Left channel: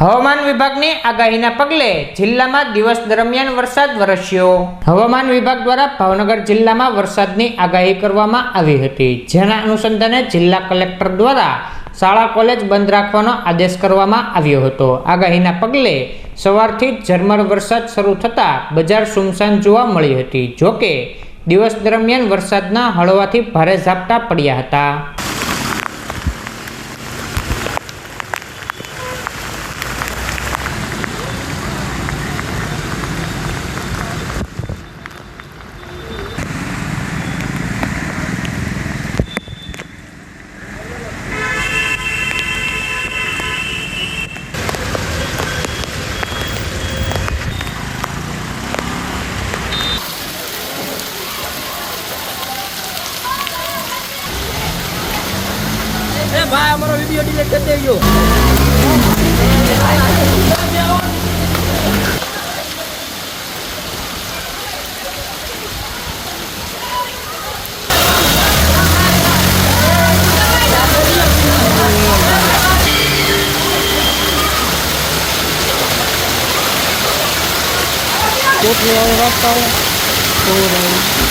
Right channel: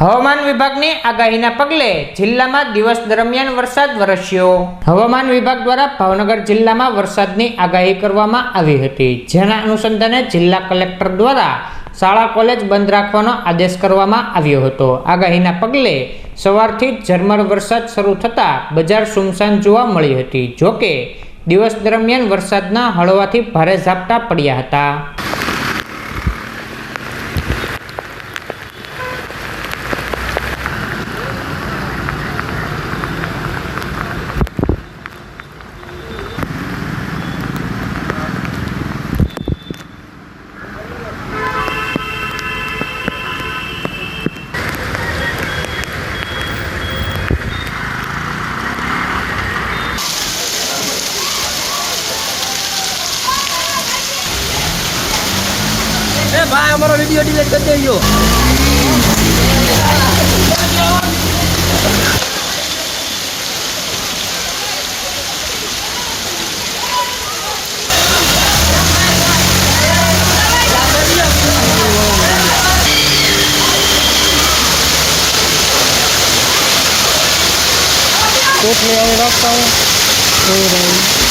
હવામાન વિભાગની આગાહીના પગલે જિલ્લામાં દિવસ દરમિયાન વરસાદ વરસ્યો। હવામાન વિભાગ દ્વારા ભાવનગર જિલ્લામાં વરસાદની આગાહી કરવામાં આવી હતી, જેના અનુસંધાને જિલ્લા કલેક્ટર દ્વારા શાળા કોલેજ બંધ રાખવાનો આદેશ કરવામાં આવ્યો હતો। આગાહીના પગલે સવારથી જ ઝરમર વરસાદ શરૂ થતાં બજાર સુમસાન જોવા મળી હતી। જોકે દિવસ દરમિયાન વરસાદના હળવાથી ભારે ઝાપટા પડ્યા હતા। भाई हमारा वीडियो डिलीट कर देજો। એટલે હવે રાખતા હોય